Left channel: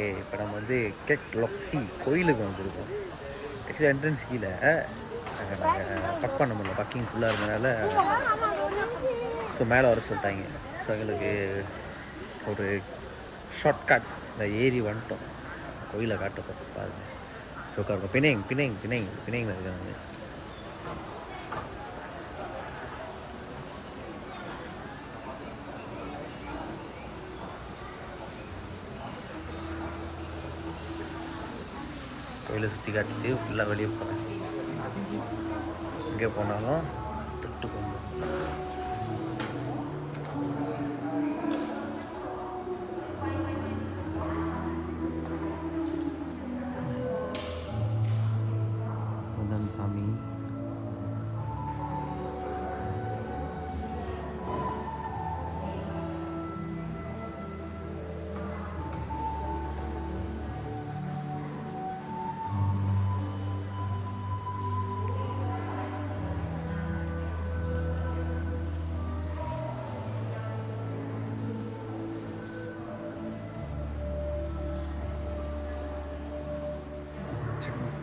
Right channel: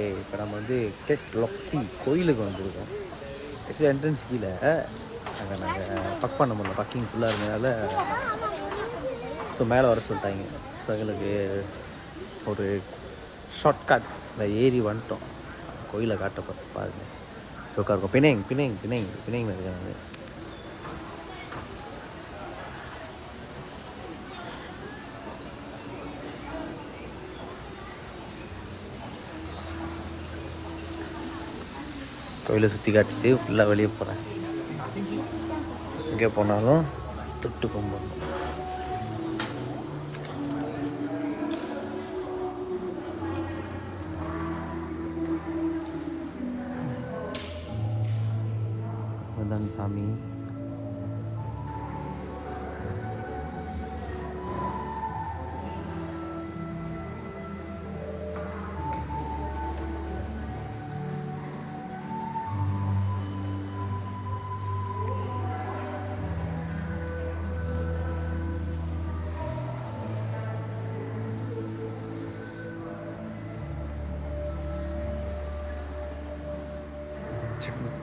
Okay, இப்போ நம்ம வந்து கேக் லொக்ஸி கோயிலுக்கு வந்திருக்கோம். ஆக்சுவலி என்ட்ரன்ஸ் கீழே அதை நாங்கள் பக் பண்ண முடியல, பக்கிங் ஃபுல்லாக இருந்ததுனால ஸோ மேலே வர சொல்லிட்டாங்க. ஸோ எங்களுக்கு ஒரு ஷார்ட்கட் இந்த ஏரி வந்துட்டோம். கோயிலை காட்ட பாருங்க, சோக்கா இருக்கும். பிணைங்க இருக்காங்க. கோயிலை சுற்றி காட்டிட்டு ஃபுல்லாக வெளியே போகிறேன். எங்கே போனாலும் தொட்டு கும்பிடணும். அதுதான் சாமி.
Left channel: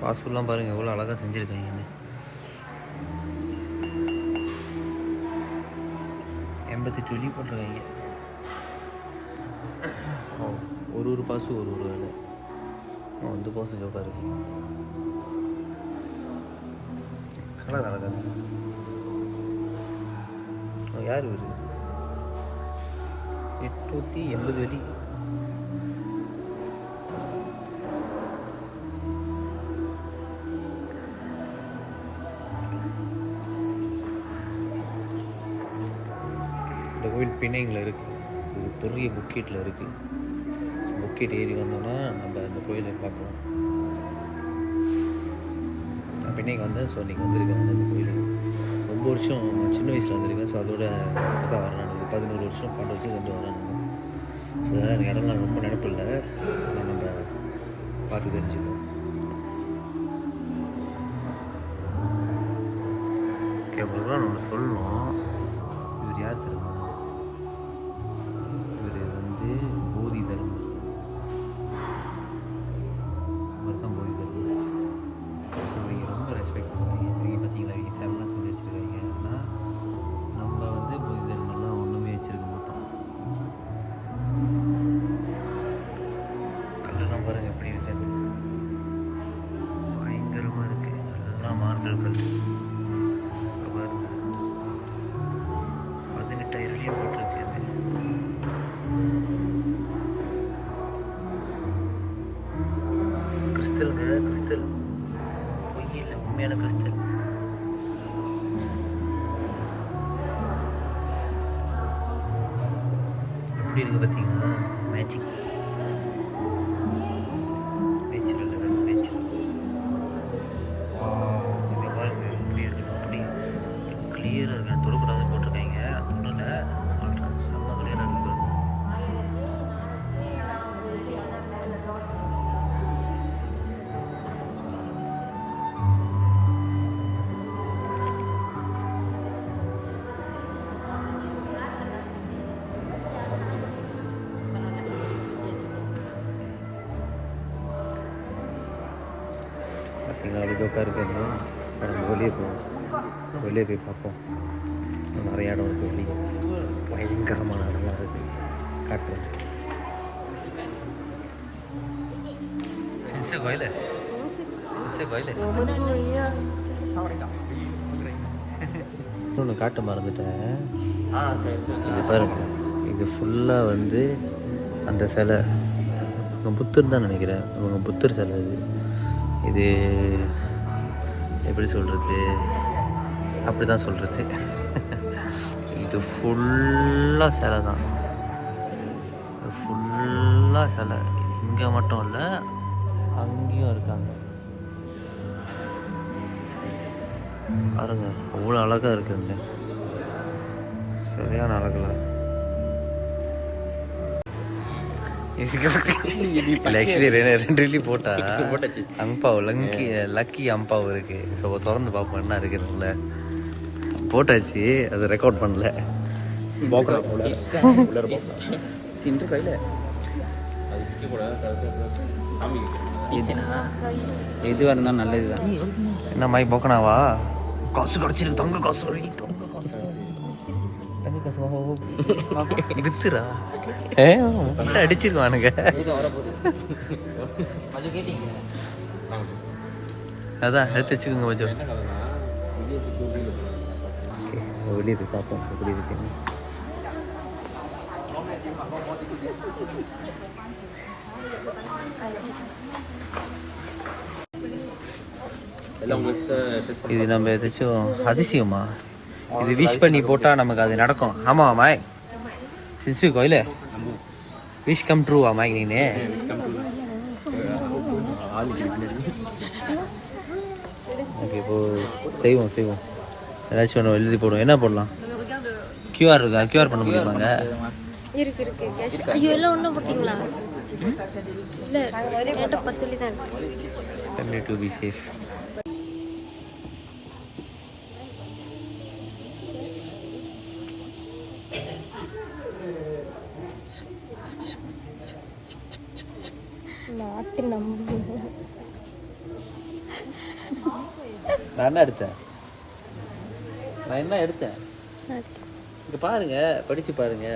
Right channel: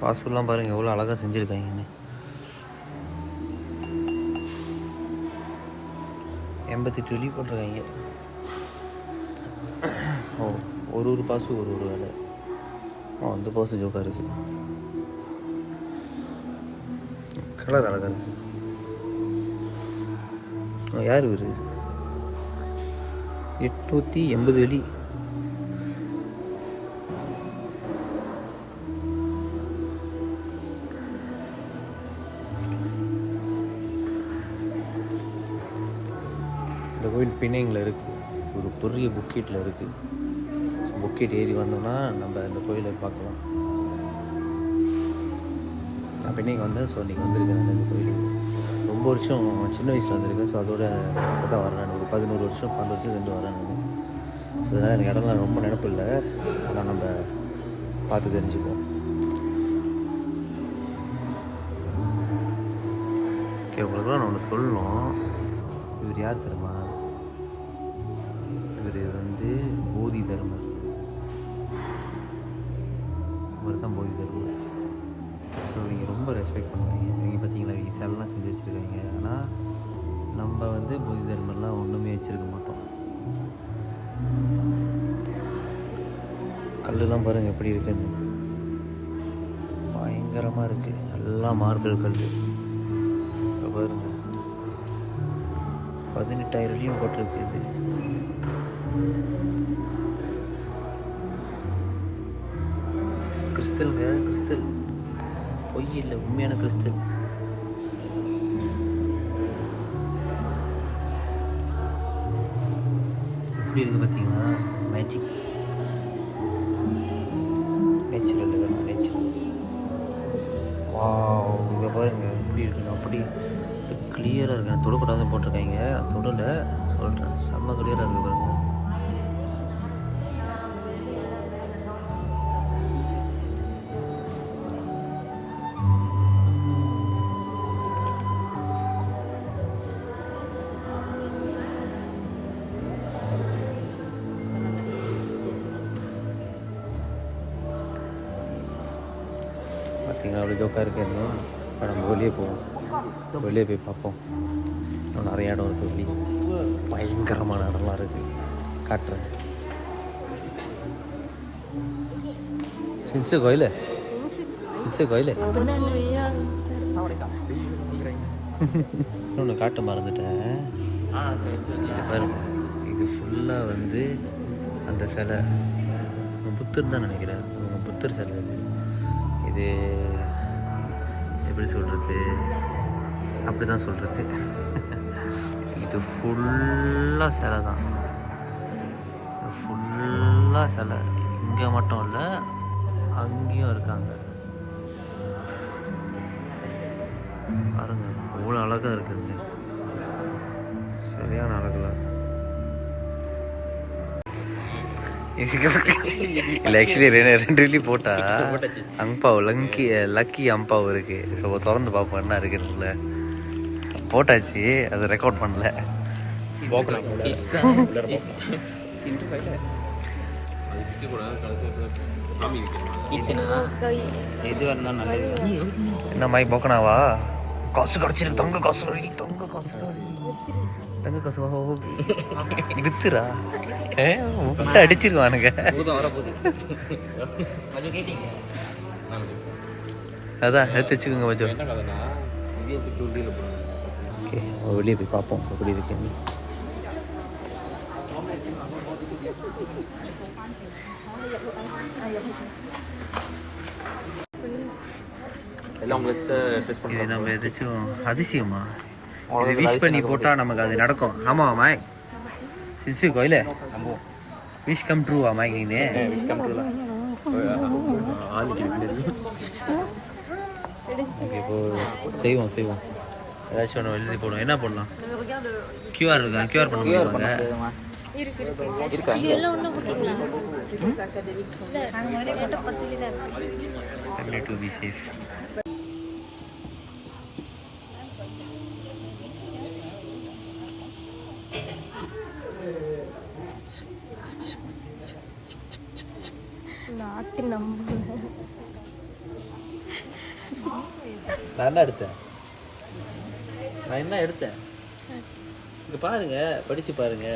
பாஸ்போர்ட்லாம் பாருங்கள் எவ்வளோ அழகாக செஞ்சுருக்காங்கன்னு. 88 வெளி போட்டிருக்காங்க. ஒரு பாசு ஒரு வேலை. அந்த பாசு ஜோக்காக இருக்கு. கலர் அழகாக இருக்கு. யார் இவர்? 880 வெளி. இந்த கோயில் பிணைங்கில் இருக்குது. ஒரு பெரிய புக்கெட்டில் இருக்குது. புக்கெட் ஏறி வந்தோன்னா நம்ம இந்த கோயிலை பார்க்கலாம். நான் பிணைக்கு வந்தேன். ஸோ இன்றைக்கி வந்திருக்கேன் நான் இந்த கோயிலுக்கு. ரொம்ப வருஷம் சின்ன வயசில் வந்திருக்கேன். ஸோ அதோட இப்போ தான் வரேன். நான் ஒரு 11 வருஷம் 12 வருஷம் ரெண்டு வரேன் நான். ஸோ அதனால் எனக்கு இடம்லாம் ரொம்ப நினப்பு இல்லை. ஆனால் நம்ம பார்த்து தெரிஞ்சுக்குவோம். ஓகே, உங்களுக்கு நான் ஒன்று சொல்லணும். இவர் யார் தெரியுமா? இவர் வந்து போதி தர்மர். இவர் தான் போதி தர்மர். ஸோ நீங்கள் ரொம்ப ரெஸ்பெக்ட் பண்ணுறீங்க. நீங்கள் பார்த்தீங்களா, இவங்க சேவலாம் செஞ்சு வச்சுருக்கீங்க. ஆனால் நம்ம வந்து போதி தர்மர்லாம் ஒன்றுமே வச்சுருக்க மாட்டோம். கல்லுலாம் பாருங்கள் எப்படி இருக்குன்னு. பயங்கரமாக இருக்குது. எல்லாம் மார்பிள் கல். பாருங்க, 18,000 அடி போட்டிருக்கு. அது கிறிஸ்தலுங்க, கிறிஸ்தல் பொய் இல்லை, உண்மையான கிறிஸ்தல். எப்படி இருக்கு பார்த்தீங்கன்னா, மேஜிக். Natural level, natural. இதை பாருங்க எப்படி இருக்கு. அப்படி கிளியராக இருக்கு. தொடக்கூடாது போட்டிருக்காங்க. தொடலை சொல்கிறேன். செம்ம கிளியராக இருக்கு பாருங்க. பார்த்தீங்கன்னா அப்படி ஜோக்காக இருக்குன்னு. இப்போ நம்ம வெளியே போவோம். வெளியே போய் பார்ப்போம். நிறைய இடம் இருக்குது வெளியே. பயங்கரமான இடம்லாம் இருக்குது. காட்டுறேன். சின்சு கோயில், சின்சு கோயில். இன்னொன்று காட்ட மறந்துட்டேன். இது பாருங்க, இது ஃபுல்லாக வந்து அந்த சிலை புத்தர் தான் நினைக்கிறேன். அவங்க புத்தர் சிலை. இது எப்படி சொல்கிறது, அப்படி தான் சொல்கிறது. இது ஃபுல்லாக சிலை தான். ஃபுல்லாக சிலை. இங்கே மட்டும் இல்லை, அங்கேயும் இருக்காங்க. பாருங்க அவ்வளோ அழகாக இருக்குங்க. சரியான அழகுல. இல்லை ஆக்சுவலி 2 இட்லி போட்டா அம்பாவு லக்கி அம்பாவு இருக்கு. ஸோ திறந்து பார்ப்போம் என்ன இருக்குதுல்ல. போட்டாச்சு, அது ரெக்கார்ட் பண்ணல. எதுவாக இருந்தாலும் நல்லது தான். என்ன மாதிரி போக்கனாவா காசு கிடச்சிருக்கு தங்க காசு தங்க காசு தங்க காசு வித்துரா முட்டை அடிச்சிருவானுங்க அதான் எடுத்து வச்சுக்கோங்க கொஞ்சம் வெளியே போய் பார்ப்போம் எப்படி இருக்குன்னு. இது நம்ம எதாச்சும் அதிசயமா இது விஷ் பண்ணி போட்டால் நமக்கு அது நடக்கும். ஆமாம் மாய் சிசு கோயில விஷ் கம் ட்ரூவா மாய் நீ ஓகே இப்போ செய்வோம் ஏதாச்சும் ஒன்று எழுதி போடுவோம். என்ன போடலாம்? கியூஆர் இருக்கா? கியூஆர் பண்ண முடியுமாங்க? to be safe. நான் என்ன எடுத்தேன் இங்க பாருங்க, படிச்சு பாருங்க.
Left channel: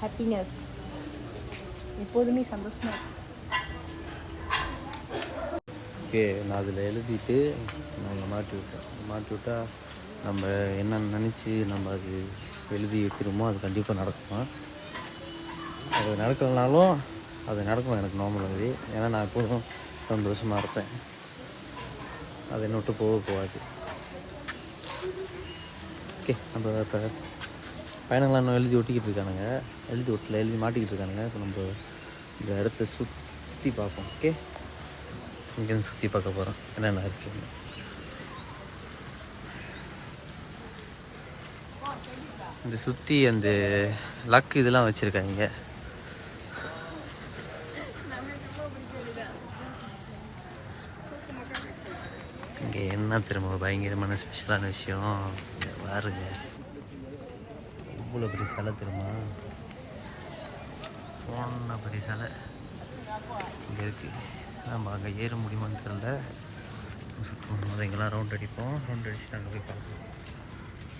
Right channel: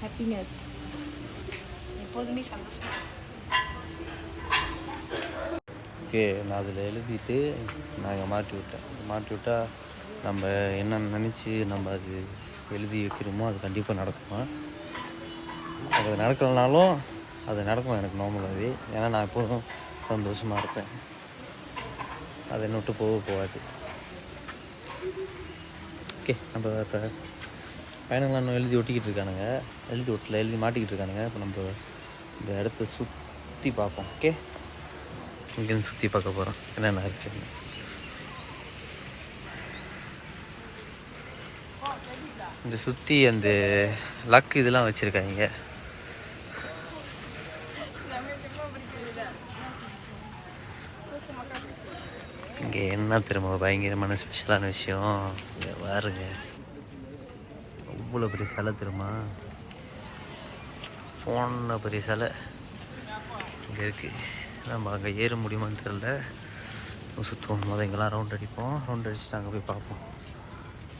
ஹாப்பினஸ் எப்போதுமே சந்தோஷமா. ஓகே, நான் அதில் எழுதிட்டு நாங்கள் மாட்டி விட்டா நம்ம என்ன நினச்சி நம்ம அது எழுதி வைக்கிறோமோ அது கண்டிப்பாக நடக்கும். அது நடக்கலைனாலும் அது நடக்கும் எனக்கு நார்மலாகவே. ஏன்னா நான் எப்போதும் சந்தோஷமாக இருப்பேன். அதை என்னை விட்டு போகாது. ஓகே, நம்ம இப்போ பயணங்களாம் எழுதி ஒட்டிக்கிட்டு இருக்கானுங்க. எழுதி மாட்டிக்கிட்டு இருக்கானுங்க. இப்போ நம்ம இந்த இடத்த சுற்றி பார்ப்போம். ஓகே, இங்கேருந்து சுற்றி பார்க்க போகிறோம் என்னென்ன இருக்குன்னு. இந்த சுற்றி அந்த லக் இதெல்லாம் வச்சுருக்காங்க. இங்கே என்ன திரும்ப பயங்கரமான ஸ்பெஷலான விஷயம் இங்கே பாருங்க. அவ்வளோ பெரிய சிலை திரும்ப போன பெரிய சிலை இங்கே இருக்குது. நம்ம அங்கே ஏற முடியுமான்னு தெரியல. சுற்றுவோம், முதல் இங்கெல்லாம் ரவுண்ட் அடிப்போம். ரவுண்ட் அடிச்சுட்டு அங்கே போய் பார்ப்போம்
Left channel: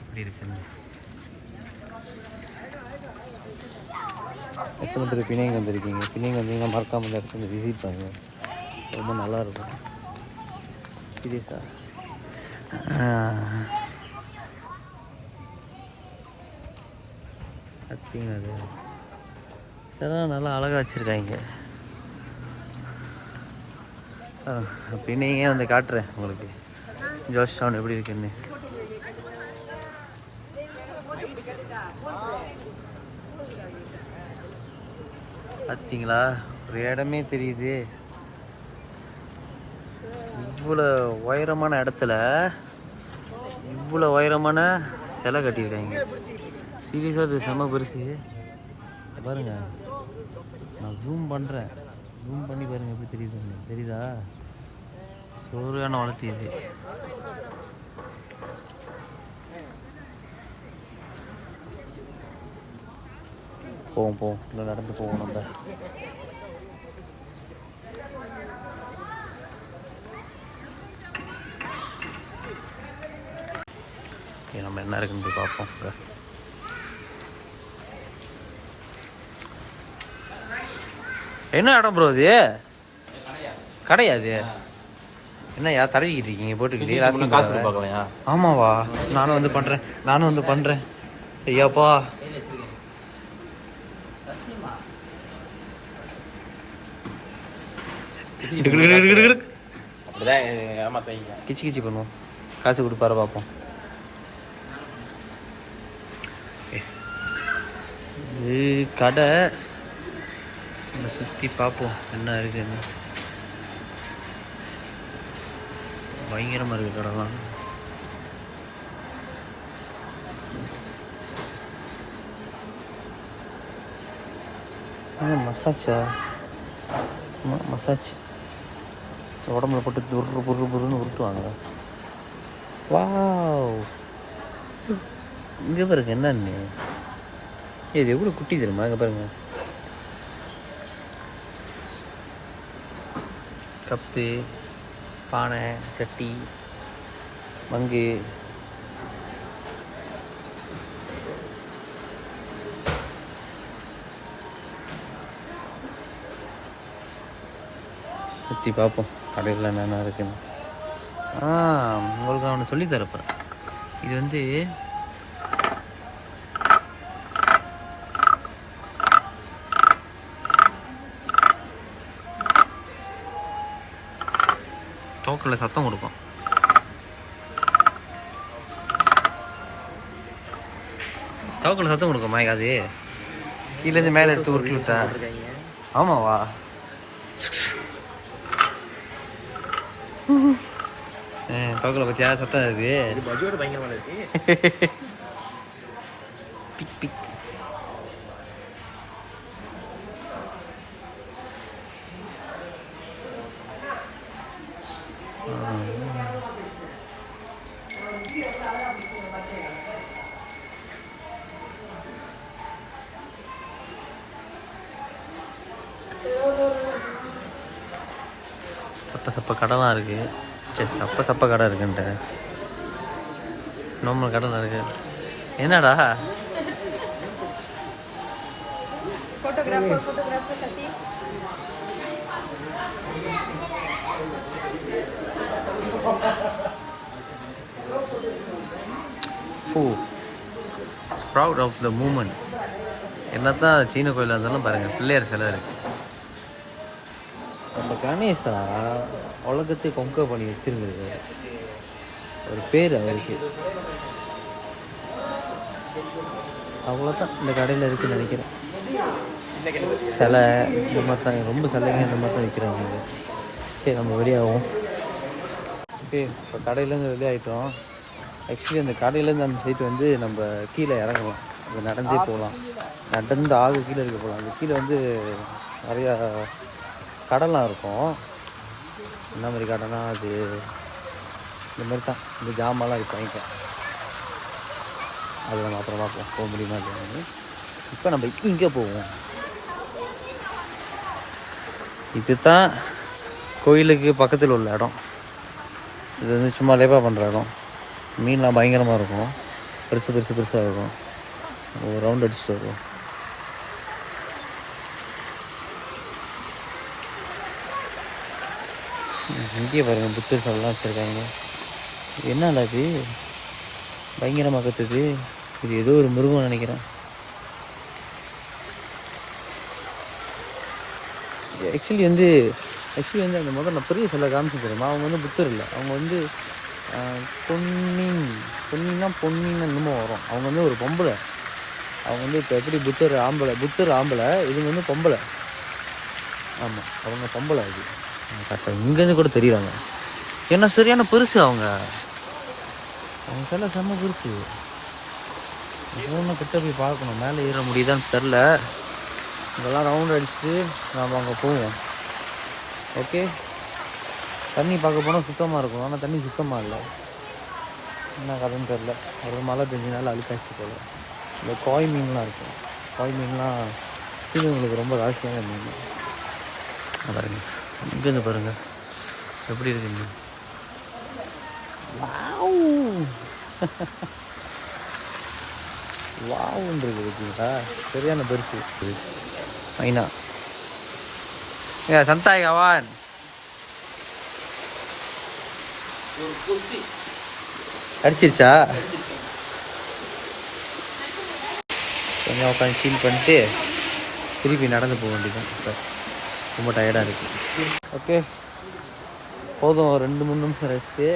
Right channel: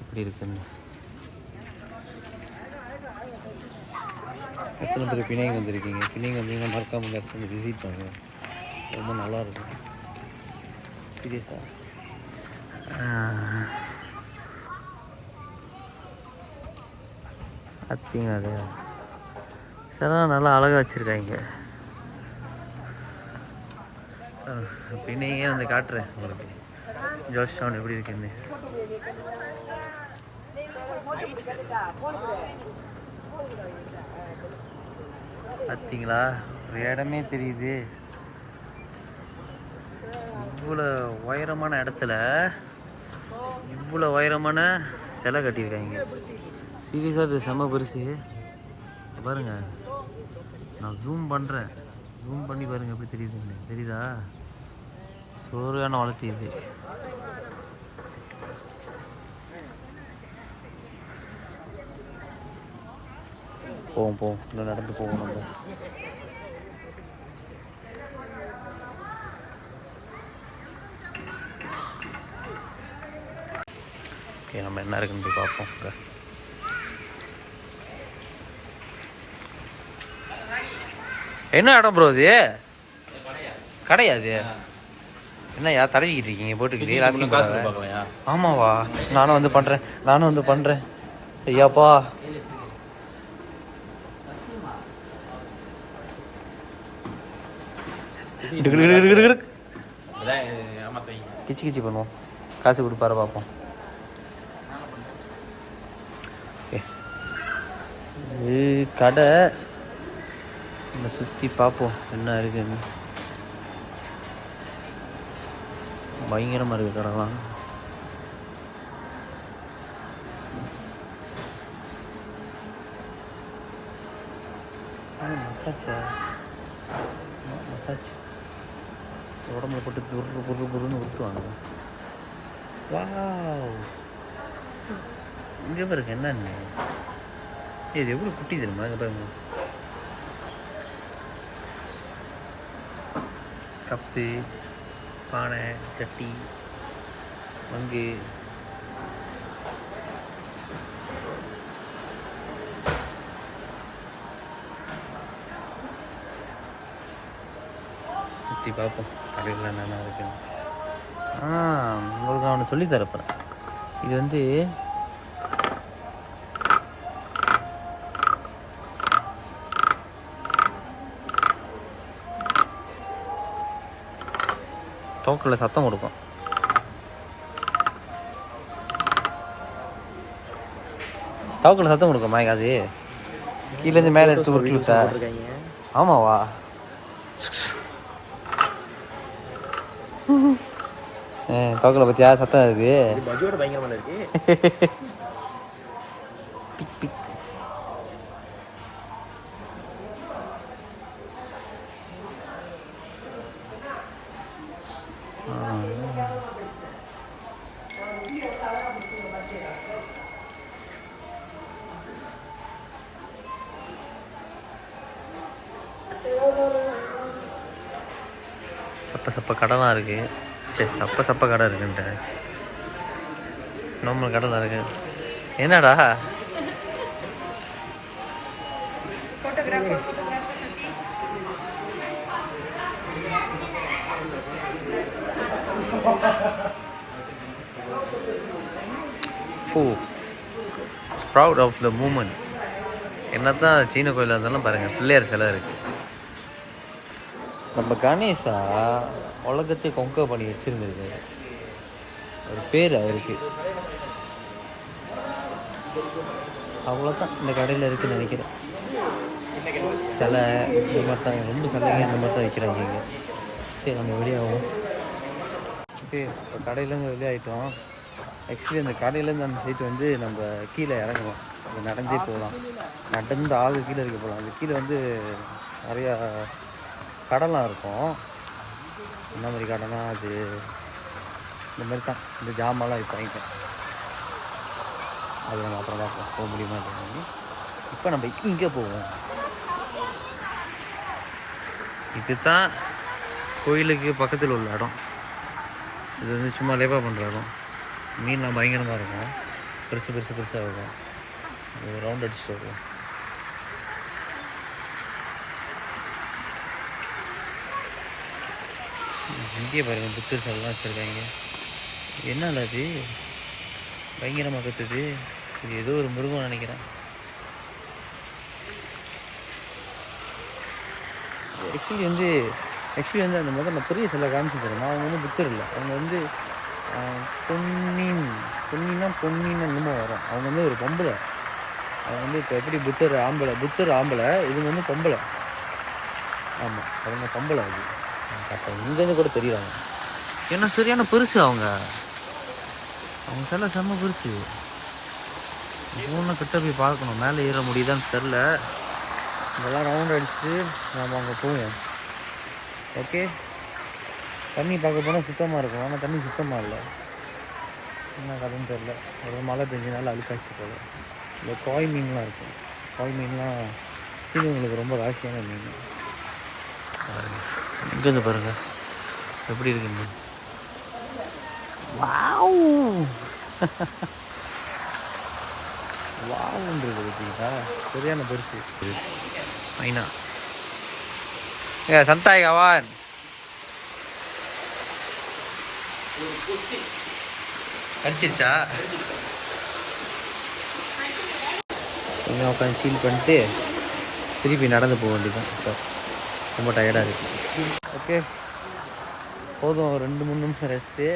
எப்படி இருக்குன்னு. எத்தனை பேர் பிணைங்க வந்திருக்கீங்க? பிணைங்க வந்தீங்கன்னா மறக்காமல் இந்த இடத்துல விசிட் பண்ணுங்க, ரொம்ப நல்லாயிருக்கும். சீரியஸாக பார்த்தீங்க அது சிலாம் நல்லா அழகாக வச்சுருக்காங்க. பின்னையே வந்து காட்டுறேன் உங்களுக்கு ஜோஷ் டவுன் எப்படி இருக்குன்னு. பார்த்தீங்களா, ஒரு இடமே தெரியுது. இவ்வளோ உயரமான இடத்துல இவ்வளோ உயரமான சிலை கட்டியிருக்காங்க. சீரியஸாக அது செம்ம பெருசு. பாருங்க, நான் ஜூம் பண்ணுறேன், ஜூம் பண்ணி பாருங்கள் எப்படி தெரியுதுன்னு. தெரியுதா? சோறான வளர்த்தி இது. போவோம் இல்லை நடந்து போவோம் நம்ம. ஓகே, நம்ம என்ன இருக்குன்னு போய் பார்ப்போம். என்ன இடம் ப்ரோ இது? கிடையாது. என்னையா தடவிக்கிட்டு இருக்கீங்க போட்டுக்கிட்டு எல்லாத்தையும் போடாத? ஆமாவா, நானும் வந்து பண்ணுறேன். ஐயாப்பா, கிச்சி பண்ணுவோம். காசு கொடுப்பாரு பார்ப்போம். இது கடை, நம்ம சுற்றி பார்ப்போம் என்ன இருக்குன்னு. பயங்கரமாக இருக்குது கடைலாம். மசாஜ் உடம்புல போட்டு புருன்னு உருட்டுவாங்க. வாவ், இங்கே பாருங்க என்னன்னு. இது எவ்வளோ குட்டி தெரியுமா? இங்கே பாருங்க, கப்பு, பானை, சட்டி, மங்கு, சுற்றி பார்ப்போம் கடையில் என்னென்ன இருக்குன்னு. உங்களுக்கு நான் ஒன்று சொல்லித்தரப்போகிறேன். இது வந்து டோக்கில் சத்தம் கொடுக்கும். டோக்கில் சத்தம் கொடுக்கும் மாய்க்கு. அது கீழேருந்து மேலே எடுத்து உருட்டி விட்டா. ஆமாவா? டோக்கில் பற்றியா சத்தம் அது பயங்கரமான இருக்கு. Big big. சப்ப கடைலாம் இருக்குது. சரி, சப்ப கடை இருக்குன்ட்டு நார்மல் கடை தான் இருக்குது. என்னடா ப்ரவுட் ஆஃப் த மூமெண்ட். என்ன தான் சீன கோயிலாக இருந்தாலும் பாருங்கள், பிள்ளையார் சிலை இருக்குது. நம்ம கணேஷா உலகத்தை கொங்க பண்ணி வச்சுருந்துருக்காரு. ஒரு பேர் அவருக்கு. அவ்வளோதான் இந்த கடையில் இருக்குதுன்னு நினைக்கிறேன். சிலை இந்த மாதிரி தான், ரொம்ப சிலைங்க இந்த மாதிரி தான் வைக்கிறாங்க இங்கே. சரி, நம்ம வெளியாகும். ஓகே, இப்போ கடையிலேருந்து வெளியாகிட்டோம். ஆக்சுவலி அந்த கடையிலேருந்து அந்த சைட்டு வந்து நம்ம கீழே இறங்கலாம். இங்கே நடந்தே போகலாம். நடந்து கீழே இருக்க போகலாம். அந்த கீழே வந்து நிறையா கடலாம் இருக்கும். என்ன மாதிரி கடைனா அது இந்த மாதிரி தான். இந்த ஜாமான்லாம் விற்பாங்க. அது நம்ம அப்புறம் பார்க்கலாம் போக முடியுமா அப்படின்னு. இப்போ நம்ம இங்கே போவோம். இதுதான் கோயிலுக்கு பக்கத்தில் உள்ள இடம். இது வந்து சும்மா லேப்பாக பண்ணுற இடம். மீன்லாம் பயங்கரமாக இருக்கும். பெருசாக இருக்கும். ஒரு ரவுண்ட் அடிச்சுட்டு வருவோம். இங்கேயே பாருங்கள், புத்தர் சிலைலாம் வச்சுருக்காங்க. என்னடா அது பயங்கரமாக கத்துது. இது ஏதோ ஒரு மிருகம் நினைக்கிறேன். ஆக்சுவலி வந்து அந்த முதல்ல நான் பெரிய சிலை காமிச்சு தரேன். அவங்க வந்து புத்தர் இல்லை, அவங்க வந்து பொன்னின்னா என்னமோ வரும். அவங்க வந்து ஒரு பொம்பளை. அவங்க வந்து இப்போ எப்படி புத்தர் ஆம்பளை, இவங்க வந்து பொம்பளை. ஆமாம், அவங்க பொம்பளை. அது பார்த்தா இங்கேருந்து கூட தெரியுறாங்க. ஏன்னா சரியான பெருசு. அவங்க சில செம்ம பெருசு. ஒவ்வொன்றும் கிட்ட போய் பார்க்கணும். மேலே ஏற முடியுதான்னு தெரில. இதெல்லாம் ரவுண்ட் அடிச்சுட்டு நாம் அங்கே போவோம். ஓகே, தண்ணி பார்க்க போனால் சுத்தமாக இருக்கும். ஆனால் தண்ணி சுத்தமாக இல்லை. என்ன கதைன்னு தெரில. ஒரு மழை பெஞ்சனால அழுக்காச்சு போல். இந்த காய் மீன்லாம் இருக்கும். காய் மீன்லாம் சீனவங்களுக்கு ரொம்ப ராசியான மீன். பாருங்கள், இங்கேருந்து பாருங்கள் எப்படி இருக்குங்க. வாவுன்றது பார்த்தீங்களா, சரியான பெருசு. மைனா சந்தாய் கவான் அடிச்சிருச்சா? கொஞ்சம் உட்காந்து சீல் பண்ணிட்டு திருப்பி நடந்து போக வேண்டியதான். இப்போ ரொம்ப டயர்டாக இருக்குது. ஓகே, போதும். ஒரு 2-3 நிமிஷம் ரெஸ்ட்டு.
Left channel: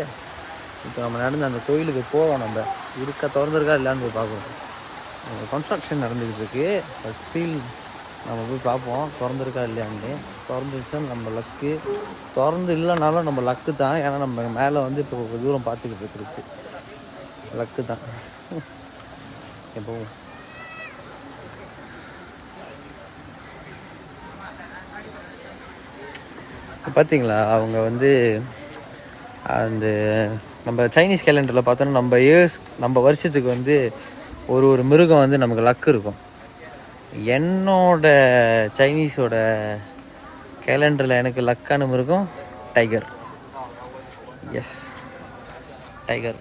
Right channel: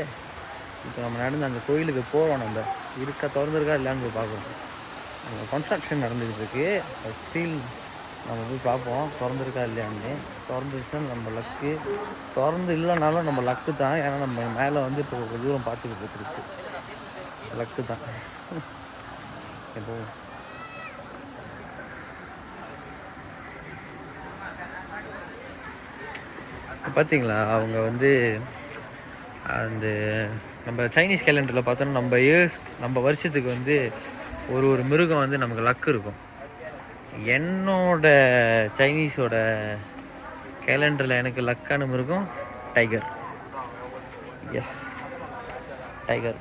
இப்போ நம்ம நடந்து அந்த கோயிலுக்கு போகலாம். நம்ம திறந்துருக்கா இல்லைன்னு போய் பார்க்கணும். நம்ம கன்ஸ்ட்ரக்ஷன் நடந்துக்கிட்டு இருக்கு. ஸ்டீல் நம்ம போய் பார்ப்போம் திறந்துருக்கா இல்லையான்னு. திறந்துருச்சா நம்ம லக்கு, திறந்து இல்லைனாலும் நம்ம லக்கு தான். ஏன்னா நம்ம மேலே வந்து இப்போ ஒரு தூரம் பார்த்துக்கிட்டு இருக்கு. லக்கு தான். போவோம். பார்த்தீங்களா, அவங்க வந்து அந்த நம்ம சைனீஸ் கேலண்டரில் பார்த்தோன்னா நம்ம வருஷத்துக்கு வந்து ஒரு மிருகம் வந்து நமக்கு லக்கு இருக்கும். என்னோட சைனீஸோட கேலண்டரில் எனக்கு லக்கான மிருகம் டைகர். S, tiger.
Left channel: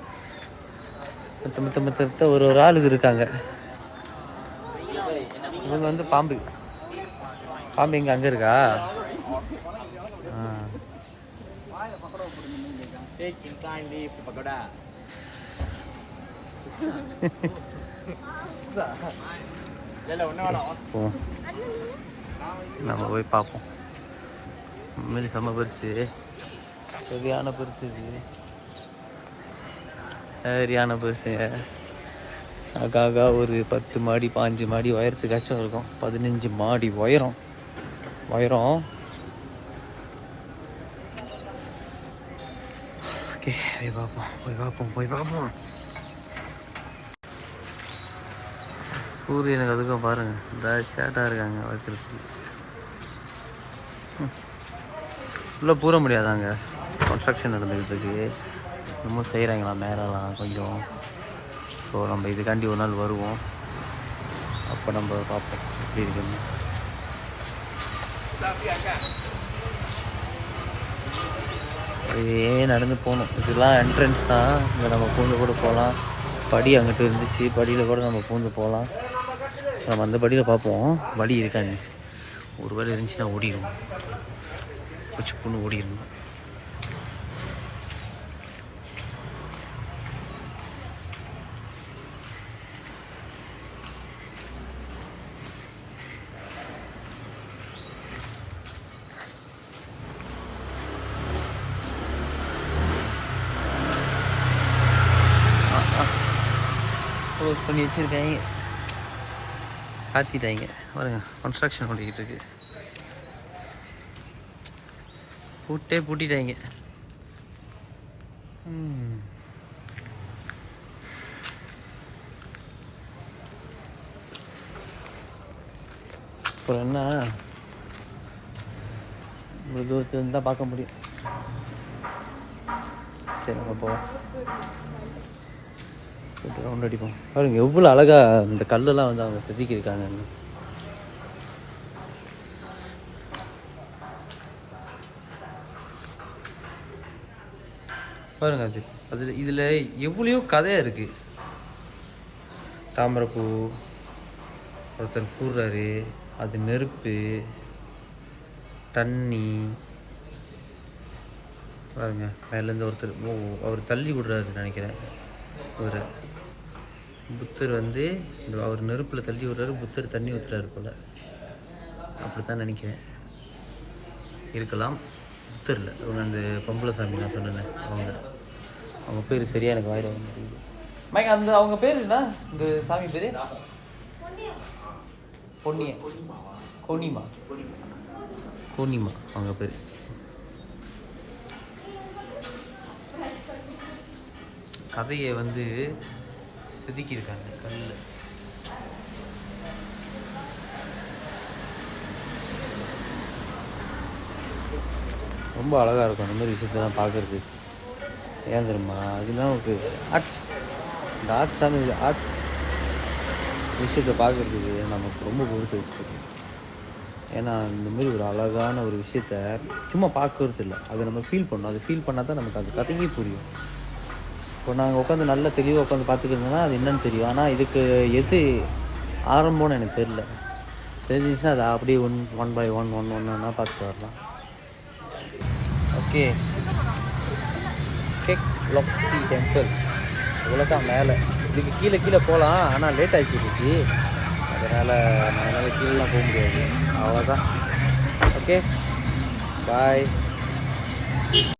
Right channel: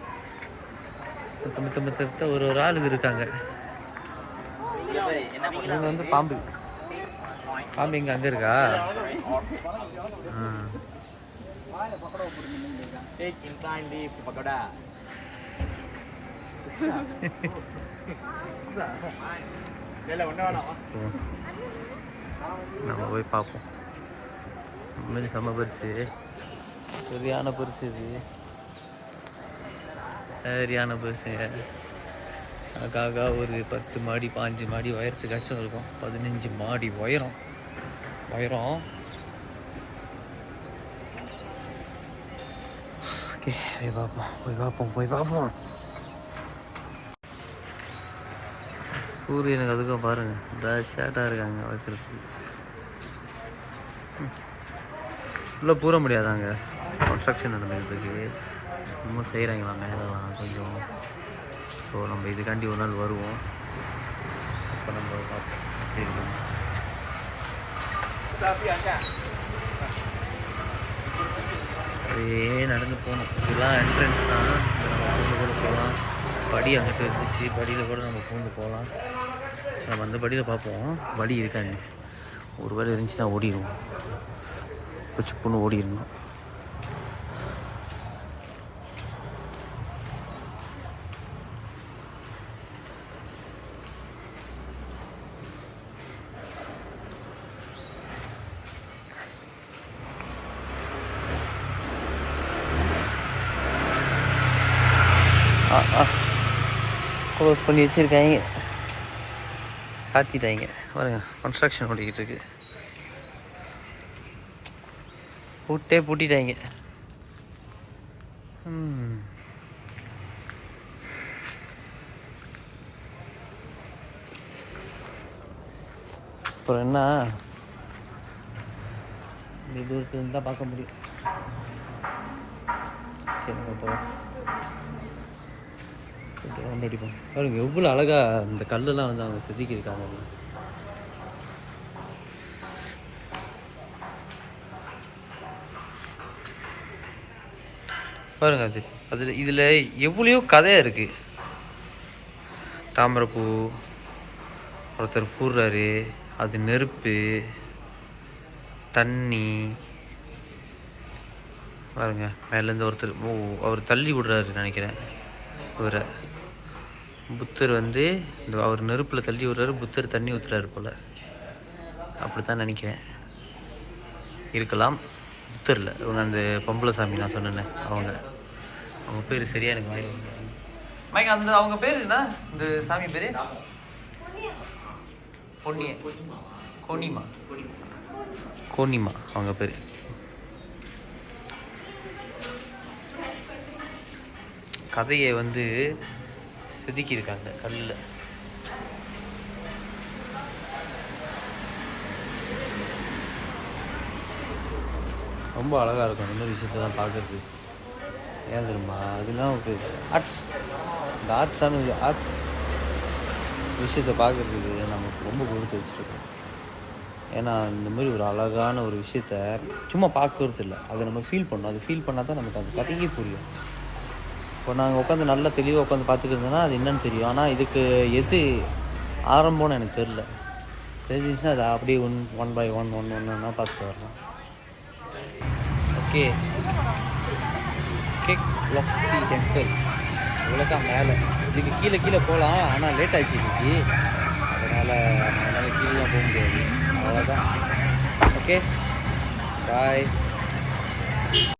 மற்ற ஒரு ஆள் இது இருக்காங்க. இவங்க வந்து பாம்பு. பாம்பு இங்கே அங்கே இருக்கா? நம்ம போய் பார்ப்போம். உண்மையிலே செம்ம பெருசு, சரியான பெருசு. இது சரியான பெருசு. அக்காக்கா ஒரு 10 மாடி 5 மாடி உயரத்துக்காச்சும் இருக்கும். 15 மாடி உயரம். ஓகே, போய் பார்ப்போம். சூரியனுக்கு அதுக்கும் பாருங்கள், டஷாட்டாக இருக்காங்க வைக்கிறதுக்கு. உள்ளே பூர முடியாதாங்க, கன்ஸ்ட்ரக்ஷன் நடந்துக்கிறதுக்கு. இன்னமும் செய்கிறாங்களாம் நேரம்லாம் கொஞ்சம். ஸோ நம்ம இதுக்காண்டி ஒரு நாள் வருவோம், அப்போ நம்ம பார்ப்போம் எப்படி இருக்குன்னு. அப்படியே நடந்து போகணும். இதெல்லாம் என்ட்ரன்ஸ் தான். இங்கே நம்ம பூந்து கூட போகலாம். படி அங்கிட்டு இருந்துச்சு, படியில் கூட நம்ம பூந்து போகலாம். நம்ம அந்த படியில் பார்ப்போம் வழி இருக்கான்னு. ஒரு வேளை இருந்துச்சுன்னா ஓடிடுவோம், வச்சு பொண்ணு ஓடிடணும். க்ளோஸ் பண்ணி வச்சுருக்காங்க, சாத்திட்டாங்க பாருங்க. கன்ஸ்ட்ரக்ஷன் ஓடிக்கிட்டு இருக்கு. பூட்டிட்டாங்க. அப்புறம் என்ன, தூரத்துலேருந்து தான் பார்க்க முடியும். சரி, நம்ம போவோம். ரவுண்ட் அடிப்போம். பாருங்க எவ்வளோ அழகாக இந்த கல்லெல்லாம் வந்து அவங்க செதுக்கியிருக்காங்க. பாருங்க, அதில் இதில் எவ்வளோ கதையாக இருக்குது. தாமரைப்பூ ஒருத்தர் பூர்றாரு, அது நெருப்பு, தண்ணி. பாருங்க மேலேருந்து ஒருத்தர் அவர் தள்ளி விடுறாரு நினைக்கிறேன். அவரை புத்தர் வந்து அவர் நெருப்பில் தள்ளி விடுறாரு, புத்தர் தண்ணி ஊற்றுறாரு போல், அப்படித்தான் நினைக்கிறேன். இருக்கலாம். புத்தர் இல்லை, இவங்க அந்த பொம்பளை சாமி நான் சொன்னேன், அவங்க பேர் சரியா எனக்கு வாயில மைக். அந்த அவங்க பேர் என்ன, இந்த சாமி பேர்? கோனிமா அவங்க பேர். கதையை வந்து செதுக்கியிருக்காங்க கல்லில். ரொம்ப அழகாக இருக்கும் அந்த மாதிரி விஷயத்தெல்லாம் பார்க்குறதுக்கு. ஏன் தெரியுமா, அதுதான் ஒரு ஆர்ட்ஸ். இந்த ஆர்ட்ஸான ஆர்ட்ஸ் விஷயத்தை பார்க்குறதுக்கு நமக்கு ரொம்ப கொடுத்து வச்சுருக்கோம். ஏன்னா இந்த மாதிரி ஒரு அழகான ஒரு விஷயத்த சும்மா பார்க்கறது இல்லை, அதை நம்ம ஃபீல் பண்ணணும். அது ஃபீல் பண்ணால் தான் நமக்கு அது கதையே புரியும். இப்போ நாங்கள் உட்காந்து நல்லா தெளிவாக உட்காந்து பார்த்துக்கிட்டோம்னா அது என்னன்னு தெரியும். ஆனால் இதுக்கு எது ஆரம்பம்னு எனக்கு தெரில. தெரிஞ்சிச்சுன்னா அதை அப்படியே ஒன் பை ஒன் ஒன்றா பார்த்துட்டு வரலாம். ஓகே, கேக் லக்ஸி டெம்பிள் இவ்வளோதான் மேலே. இதுக்கு கீழே போகலாம், ஆனால் லேட் ஆகிடுச்சு இன்னைக்கு. அதனால் கீழெலாம் போக முடியாது. அவ்வளோதான். ஓகே, பாய்.